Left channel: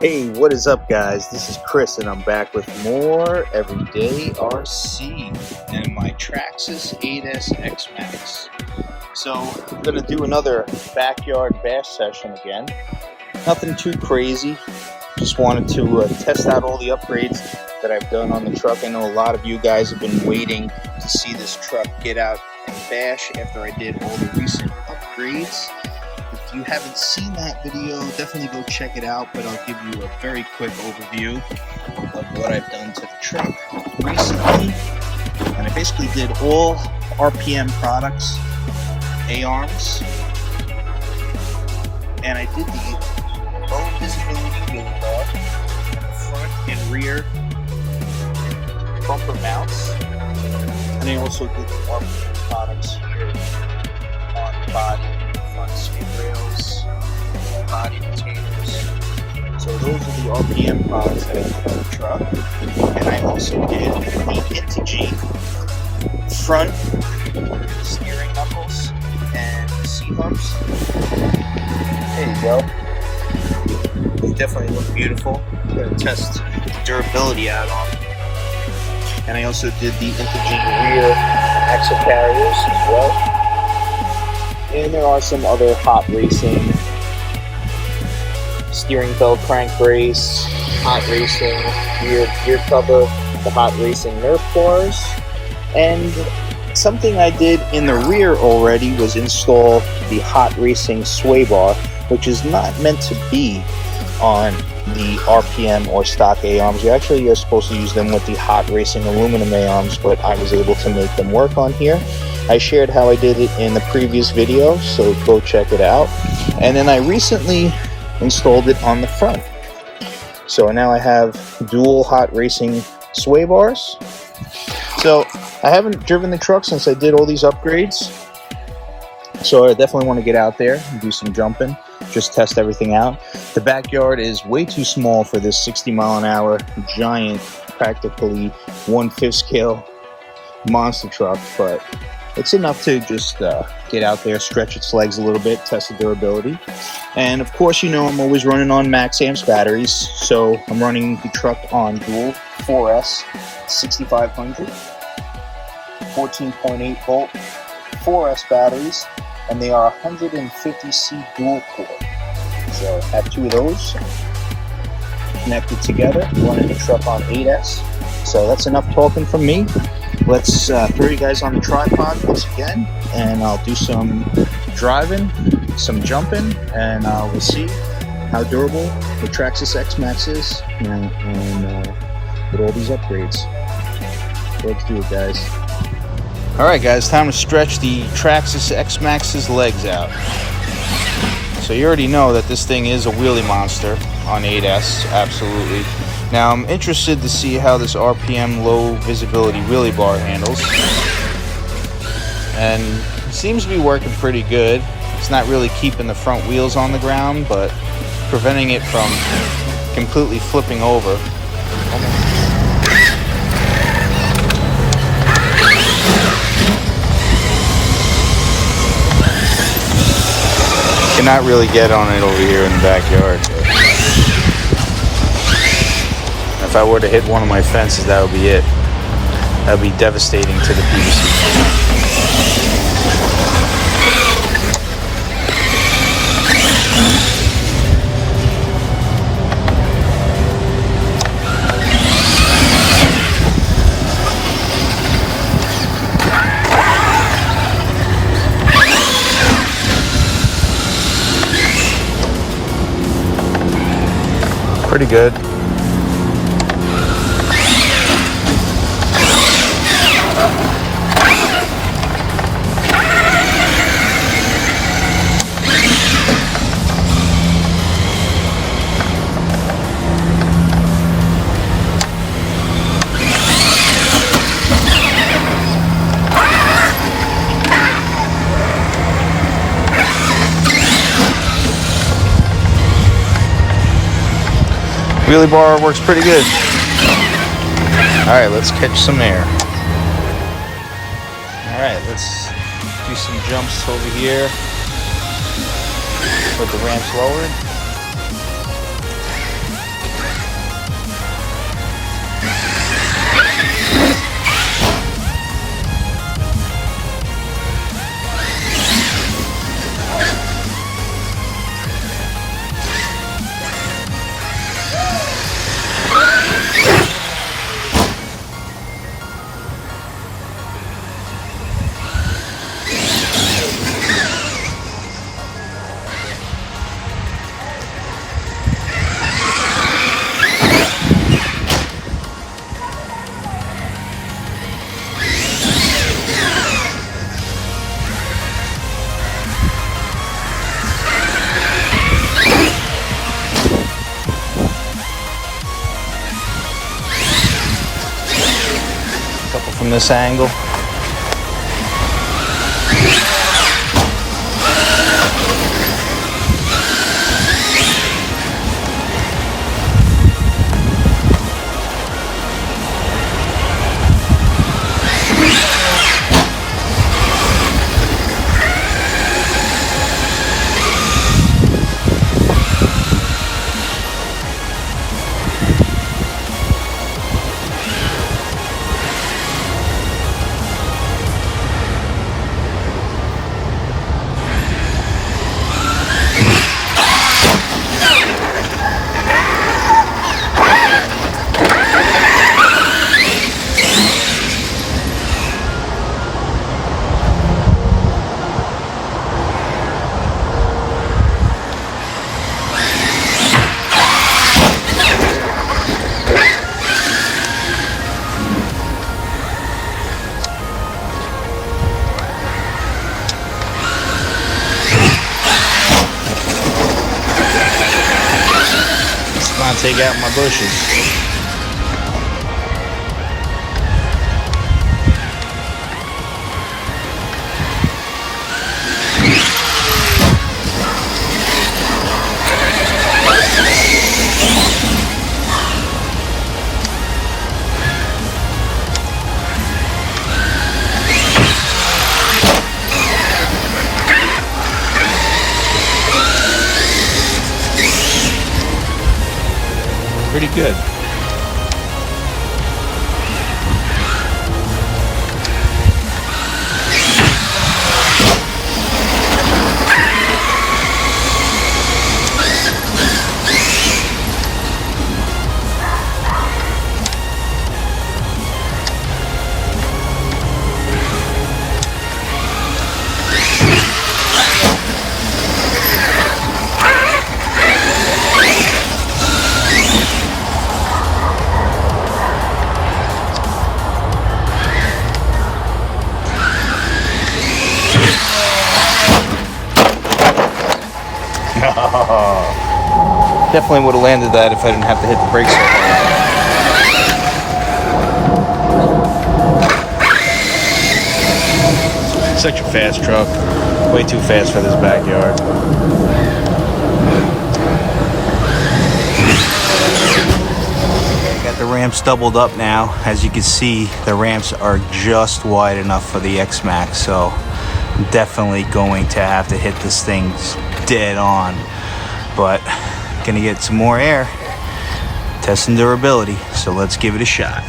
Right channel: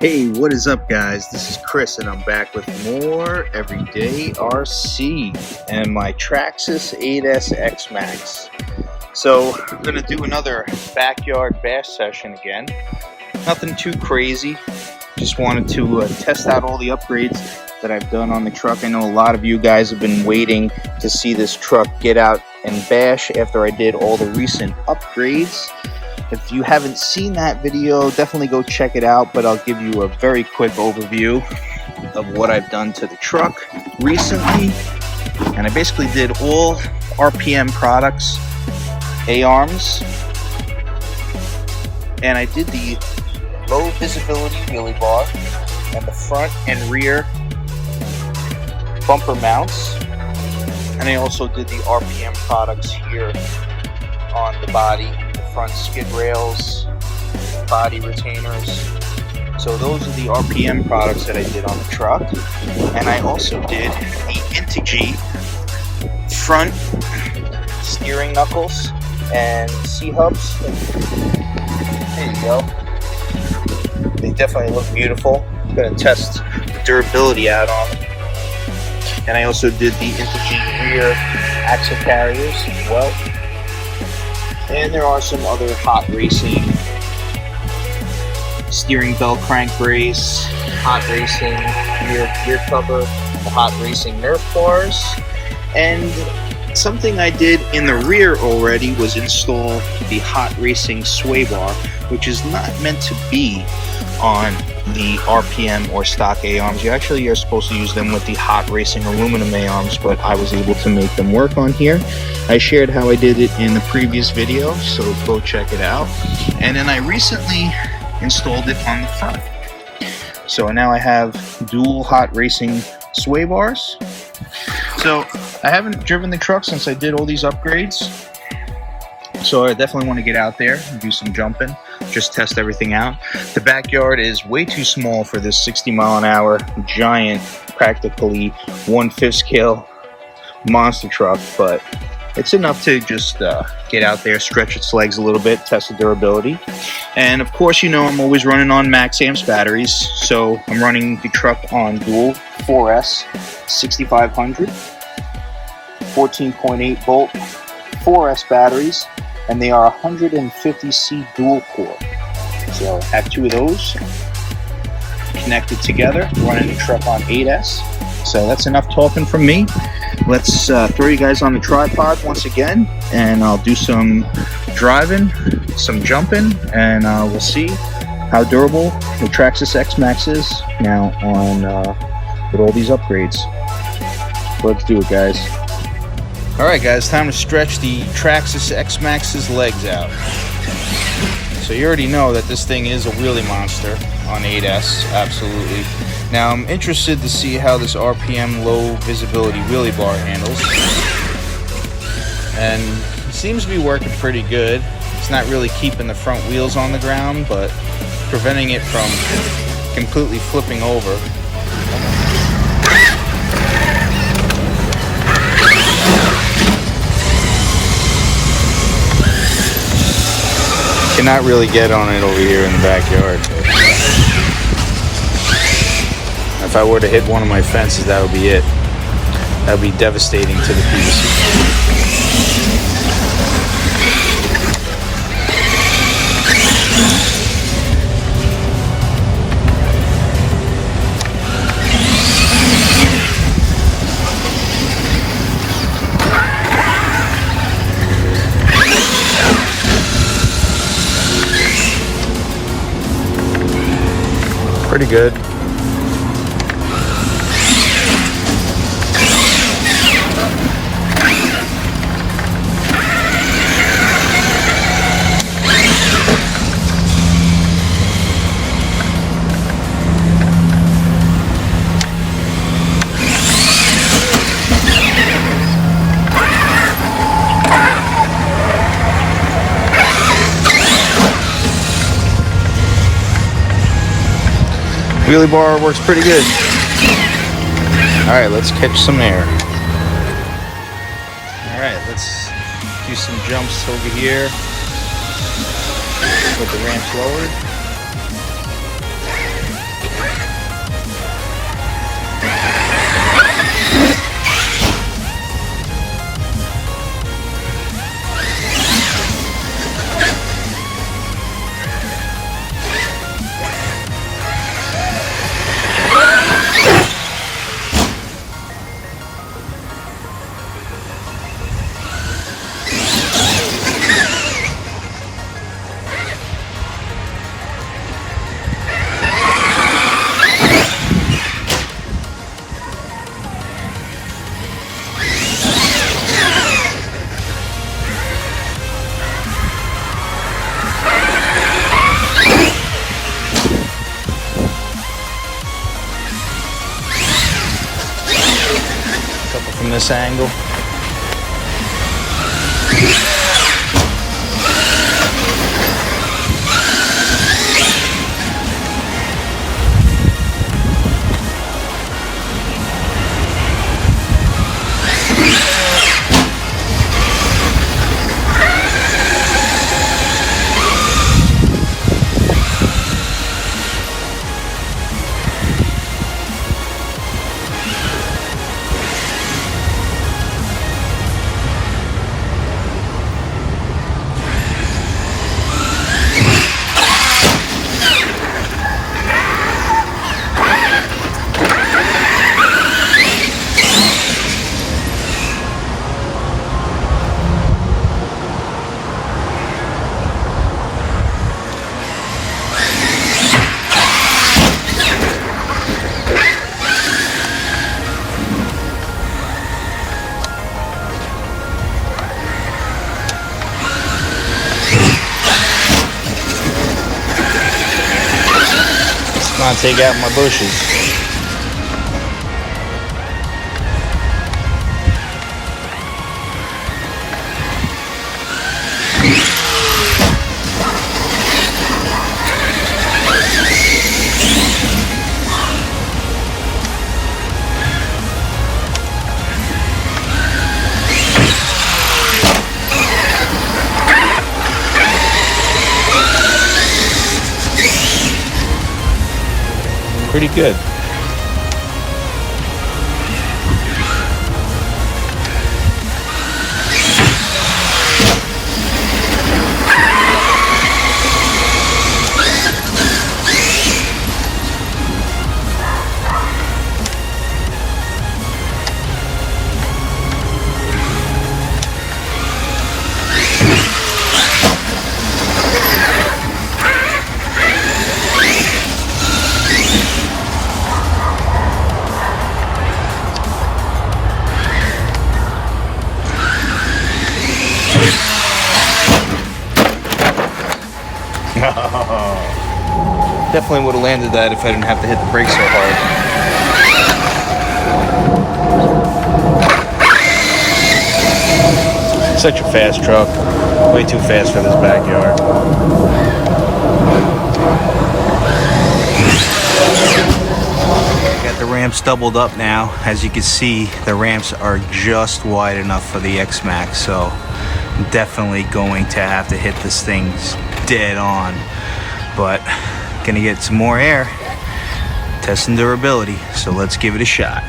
Hey, what is up, guys? This is Chris, and I'm back with more Everyday RC and my Traxxas 8S Xmaxx. So, I'm going to do another backyard bash session again. Nothing too crazy. Just wanted to test out all the upgrades that I've done on the truck. I know a lot of you guys have been waiting to see this truck get out and bash after I did all the recent upgrades. If you haven't seen that video, definitely go check it out, but I'll give you a very quick overview of what I've done to the truck recently. And I basically did all RPM products, A-arms, and I did the low visibility wheelie bar and the front and rear bumper mounts. And I also did the RPM products here on the body, front skid rails, body retainers. So those are the RPM products that I did on the truck. And I also did the Integy front steering knuckles and C-hubs. There you go. They definitely look beautiful. I'm going to test the durability out on them. And I also did the Integy rear axle carriers as well. And there are some other hot racing steering belt crank brace, hot racing rear gear cover, the hot racing Nerf bars, and something I did in the rear already was install the hot racing sway bar, which is not meant to be on the RPM or stock A-arms. You actually are supposed to use them with the hot racing aluminum A-arms, but I was able to make them work on here. I shared how I did it in the previous video, so go check it out. And then I recently installed it on the front. So now I have dual hot racing sway bars. So I haven't driven the truck since I did all these upgrades. So I definitely want to get out there and do some jumping, just test everything out. The backyard is way too small for this 60-mile-an-hour giant, practically 1/5 scale monster truck, but it's enough to just get out there, stretch its legs a little bit, test the durability. And of course, you know I'm always running on MAXAMPS batteries, so I'm running the truck on dual 4S 6500, 14.8 volt 4S batteries, and they are 150C dual core. So I have two of those connected together, running the truck on 8S. So that's enough talking from me. Let's throw you guys on the tripod once again, and I'll do some driving, some jumping, and we'll see how durable the Traxxas Xmaxx is now on with all these upgrades. Let's do it, guys. All right, guys, time to stretch the Traxxas Xmaxx's legs out. So you already know that this thing is a wheelie monster on 8S, absolutely. Now I'm interested to see how this RPM low visibility wheelie bar handles. And it seems to be working pretty good. It's not really keeping the front wheels on the ground, but preventing it from completely flipping over. Cannot really get on it over here in the backyard. If I were to hit one of my fences, that would be it. That would be devastating to the people. Pretty good. Wheelie bar works pretty good. Alright, let's catch some air. Alright, let's do some jumps over here with the ramps lowered. this angle. Not take out my bushes. Pretty good. Definitely would have landed that if I didn't have to hit the brake so hard. Such a fast truck. Way too fast for this backyard. I got the ramps doubled up now. As you can see, the ramps are just wide enough for the Xmaxx, so I'm definitely going to have to hit this thing dead on. But gonna get some more air, testing durability, so let's give it a shot.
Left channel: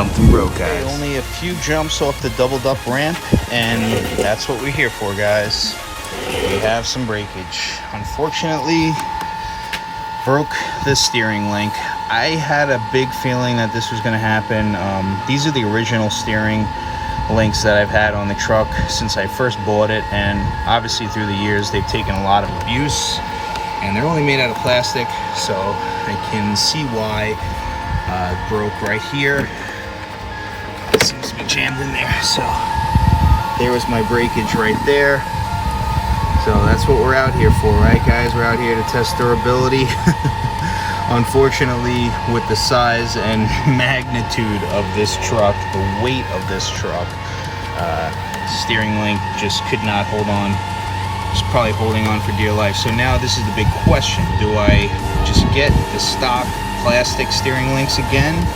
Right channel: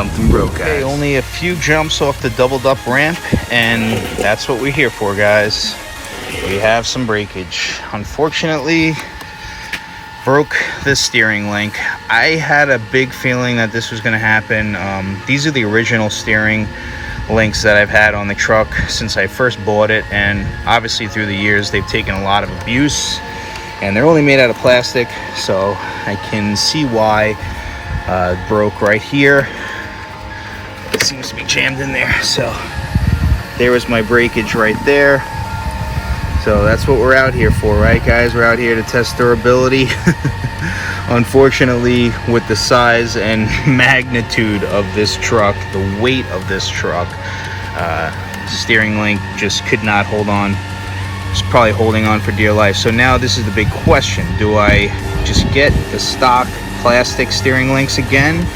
Something broke, guys. Okay, only a few jumps off the doubled up ramp, and that's what we're here for, guys. We have some breakage. Unfortunately, broke the steering link. I had a big feeling that this was going to happen. These are the original steering links that I've had on the truck since I first bought it, and obviously through the years they've taken a lot of abuse, and they're only made out of plastic, so I can see why it broke right here. It seems to be jammed in there, so there was my breakage right there. So that's what we're out here for, right guys? We're out here to test durability. Unfortunately, with the size and magnitude of this truck, the weight of this truck, steering link just could not hold on. It's probably holding on for dear life. So now this is the big question. Do I just get the stock plastic steering links again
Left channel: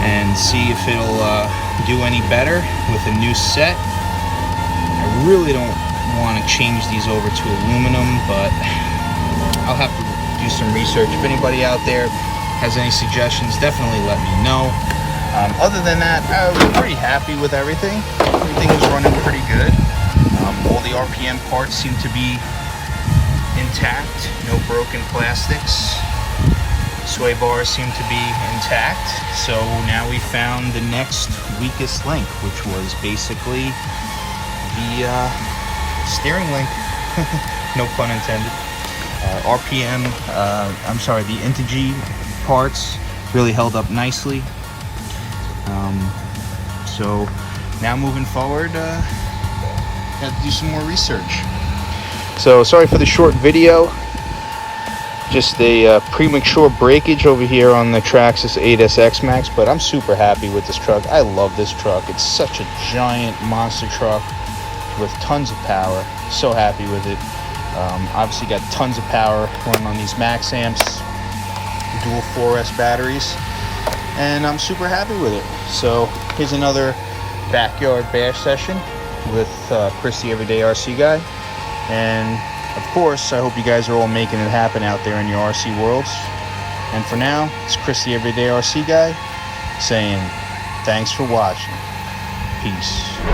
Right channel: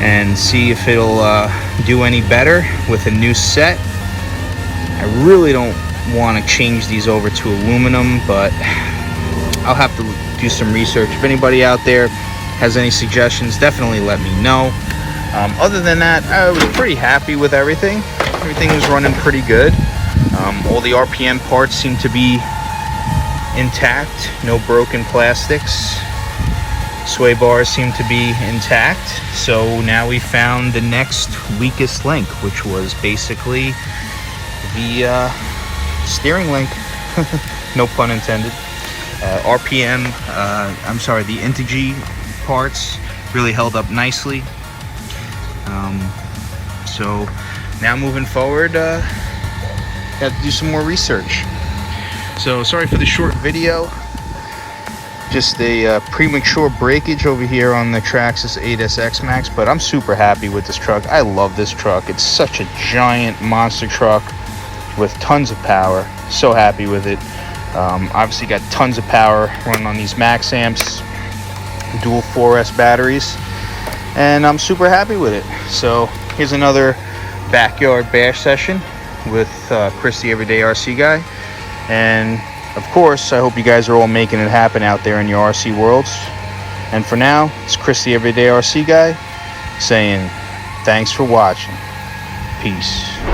and see if it'll do any better with a new set? I really don't want to change these over to aluminum, but I'll have to do some research. If anybody out there has any suggestions, definitely let me know. Other than that, I was pretty happy with everything. Everything was running pretty good. All the RPM parts seem to be intact, no broken plastics. Sway bars seem to be intact. So now we found the next weakest link, which was basically the steering link. No pun intended. RPM, I'm sorry, the Integy parts really held up nicely. So now moving forward, got to do some more research. So sorry for the short video. Just a premature breakage over here on the Traxxas 8S Xmaxx, but I'm super happy with this truck. I love this truck. It's such a giant monster truck with tons of power. So happy with it. Obviously got tons of power running on these MAXAMPS dual 4S batteries, and I'm super happy with it. So here's another backyard bash session with Chris the Everyday RC Guy. And of course, I hope you guys are all making it happen out there in your RC worlds. And for now, it's Chris the Everyday RC Guy saying thanks for watching. Peace.